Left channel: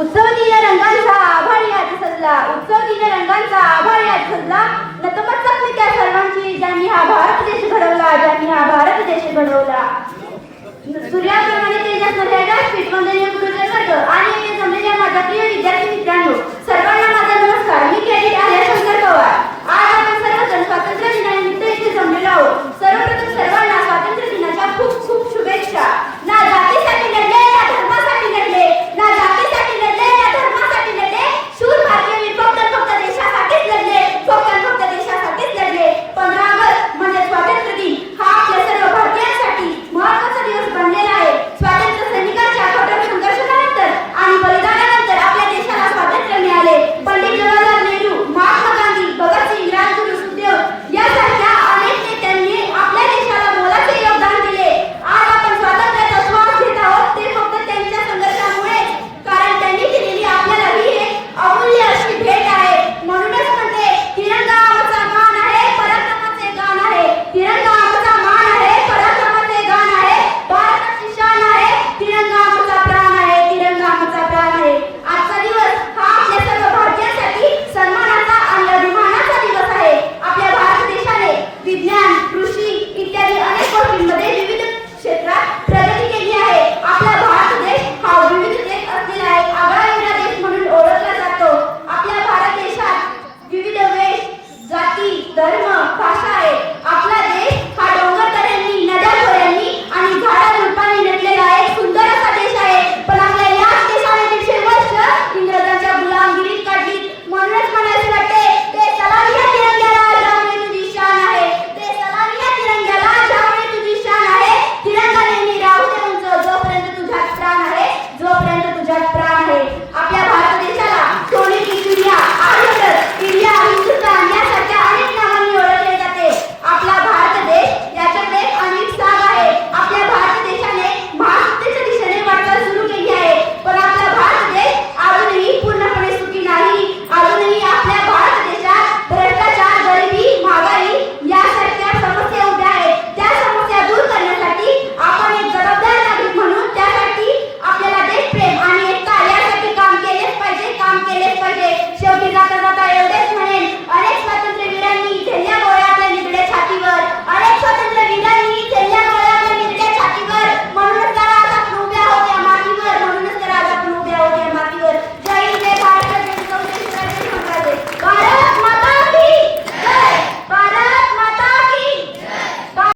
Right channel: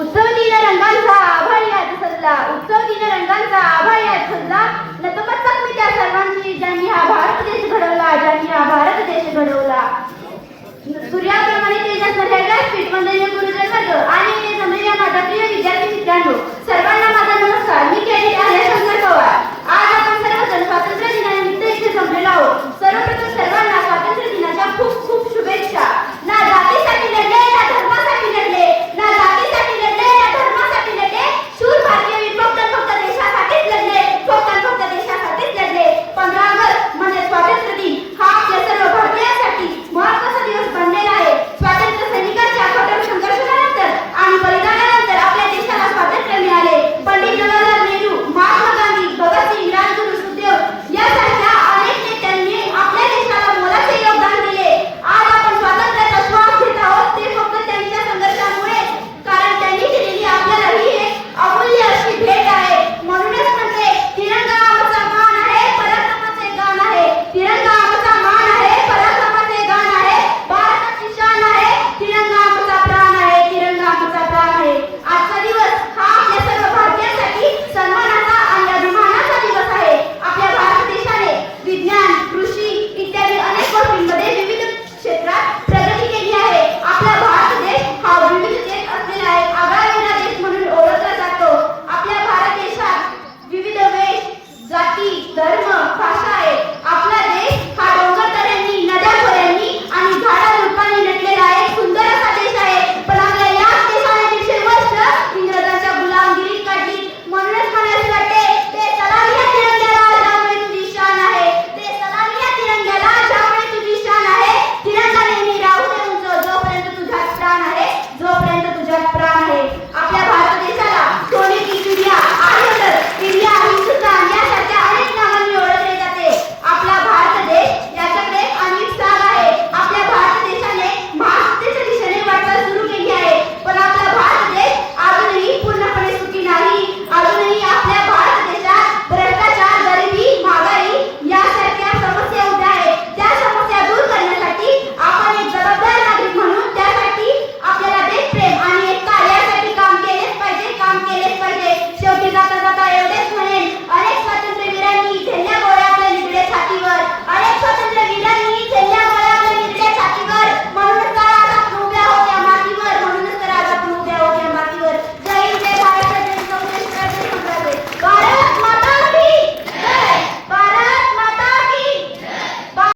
उत्सव दिन रंगांचा आभाळ यात सजला. उत्सव दिन रंगांचा आभाळ यात सजला. नतमस्तक मी त्या सर्वांची. ज्यांनी हा भारत देश घडवला ज्यांनी हा भारत देश घडवला. सूर्याप्रमाणे तेजस्मध्ये व्यासपीठ वंदनीय गुरुजन प्रिय